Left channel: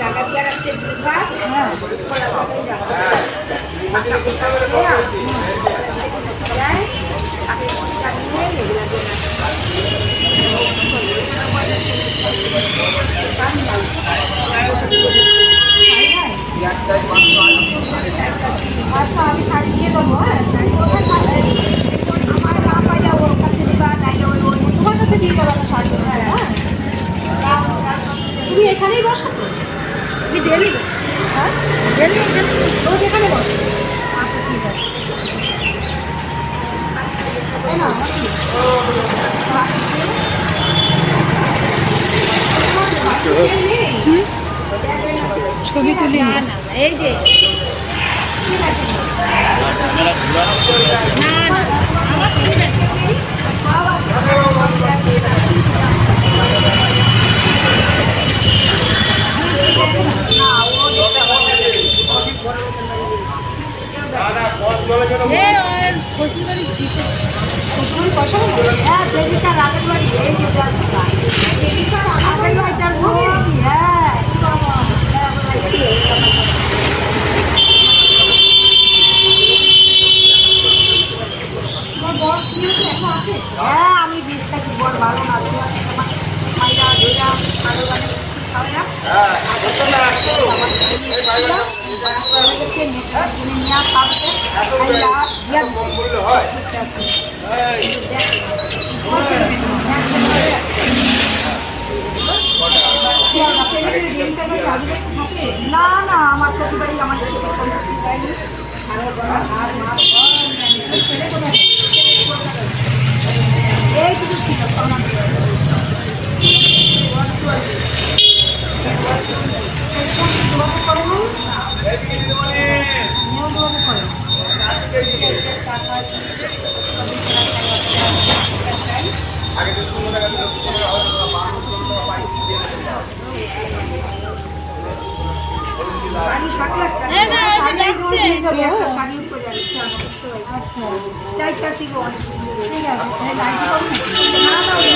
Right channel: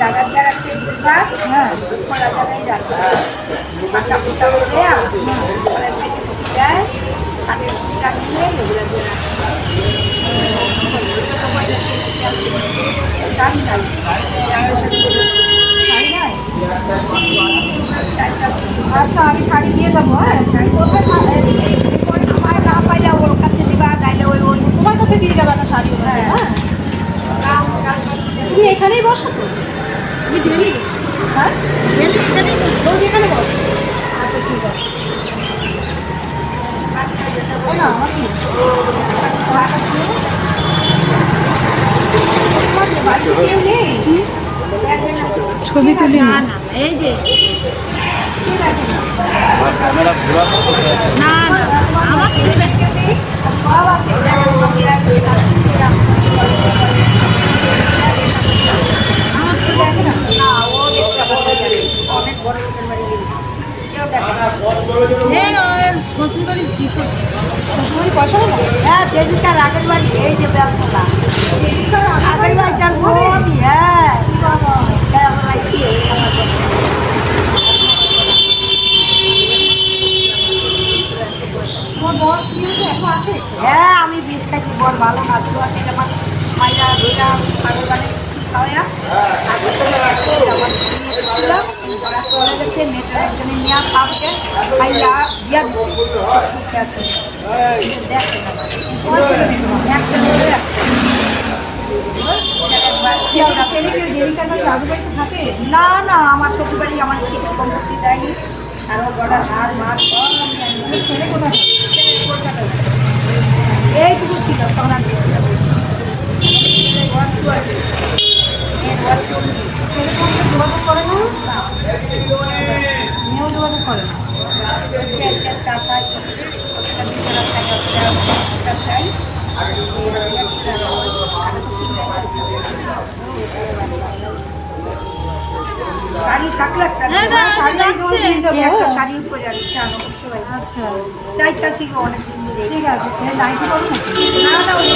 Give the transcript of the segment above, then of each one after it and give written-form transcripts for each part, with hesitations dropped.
জায়গা দিয়ে রাখছে দুবার, হ্যাঁ খোলা জায়গায় রাখছে পাতা পুতা করে দেয় দেয় কাঠের পুতা নিয়ে এগুলো দিয়ে রাখছে গান নাই শাড়ি নাই? আচ্ছা আমি শাড়ি দিয়ে যাবো। হ্যাঁ কোথায় আমার না পাইলে ওর কাছে দিবা নাইলে ওই ওই তোমার কাছে দিয়ে যাবে একটা শাড়ি ওখানে। হ্যাঁ তুমি এখানেই বসো তো? আমি ডেলি হ্যাঁ ডেলি এখানেই তুমি এখানে বসো। আচ্ছা ঠিক আছে। তাই না আমার কি তোমার বাড়িতে কেউ নেই? দেখবে না তো। ছবি তুলি না এই যে ঠিক আছে না ক্যামেরা ঘোরানো না আমার পেছনে কেউ নেই? সব আছে দেখো সব দেখে দেখে না না ও দেখতে পাবে অনেক বড় লোকের বাড়ি কেউ দেখে না বসুন্ধরী তোমারই পয়সা হলো? হ্যাঁ দেবিকার আগের বাড়ি এই যে ব্যবসা দেবিকার আগের বাড়িটার ঘরে হ্যাঁ আমার আইসি আমার তোমার বর কি হচ্ছে এখন আছে? হ্যাঁ আমি বেশ থাকি বড় ভালো না তুই আমার মাইরা ধইরা ছাগল বানে খাওয়াই না আমার চলে গেছে মেয়েটার একজনে নিয়ে আসবে খাইয়া দিয়া দিচ্ছে আছে দেখে তোমার ছেলে মেয়ে তোমার? ছেলে কি ওই দেবিকার বাড়ি আজুবাড়িতে থাকে? না না আমার শ্বশুর বাড়ি আমার সম্পত্তি দেয়নি আরও গলার হার মাছ সব নেয়নি। তোমার ছেলে কোথায় থাকে? কলকাতায় এইটুকু ছিল তখন আমি ছেলে তোমার সাথে যোগাযোগ করে না? মেয়েও যোগাযোগ করে না? শাড়ি 7 লাখ টাকা শাড়ি আমি তোমাকে দিয়ে যাবো। শাড়ি উপরে আর শাড়ি করতে পারি আচ্ছা চাইটা শিখো অনেক সুন্দর ঠিক আছে। নাইটি করো নাকি? না না ওই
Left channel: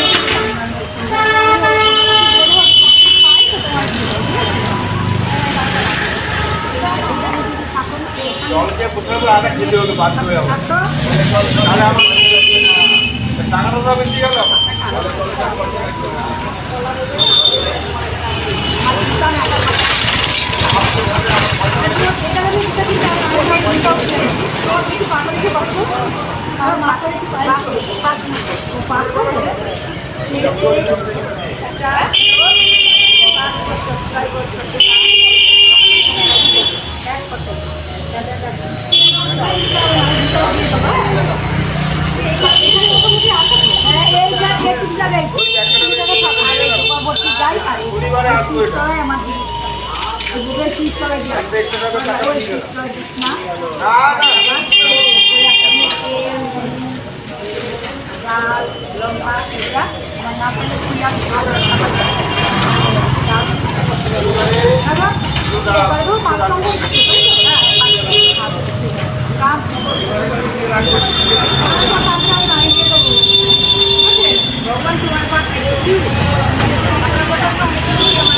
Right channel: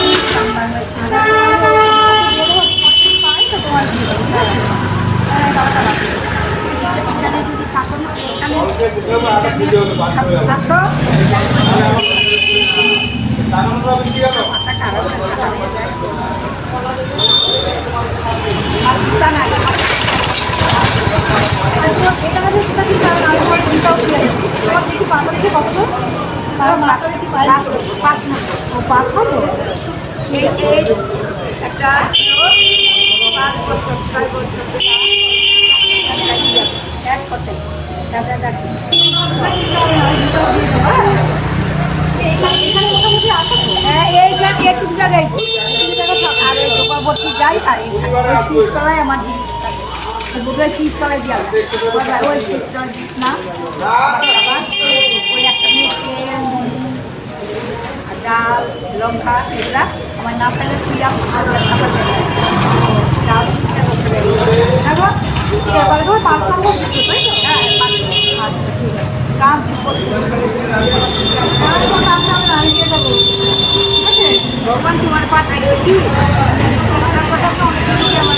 পাই তো তোমার দিয়ে দেবো, ঠিক আছে? এই টাকাটা রাখো। এখানে যদি থাকো না এখানে থাকো মাথাটা আরো আর জুতা না আর তোমার এই টাকা দিয়ে জুতা কিনতে হবে না, আমি তোমার জুতাও কিনে দেবো। তোমার দেখি পাতা দেখি কত গো? কারণ মাথা দেখি পাই 5 নম্বর ও 5 নম্বর। ঠিক আছে এই একটা 5 বছর 6 বছর এক করতে দাদা দাদা কিনতে হবে না, আমি জুতাও দিয়ে দেবো। হ্যাঁ এখানে এখানে মোটামুটি আসা তো। হ্যাঁ এইটা একটু জায়গায় আর এই গোপাবর্তী যাই আর এই শীততলায় আমার জিনিস থাকে ওই বোধহয় শীততলায় যাই ওই শীততলায় দিস না আবার ওই একটা নিয়ে তেল ডাল লঙ্কা এগুলা আমার না পেলে তুই খাবার খাবার ডাল চিন্তা করতে পারি হ্যাঁ গো? তাহলে তোমার 5 নম্বর জুতো, তাই তো? হ্যাঁ আচ্ছা ঠিক আছে। কাজ করতে তাহলে তোমার কাছে আমি নাই দিয়ে দেবো, ঠিক আছে? ভগবান তোমার পাঠাই কি কথা কথা অনেক কিছু আমার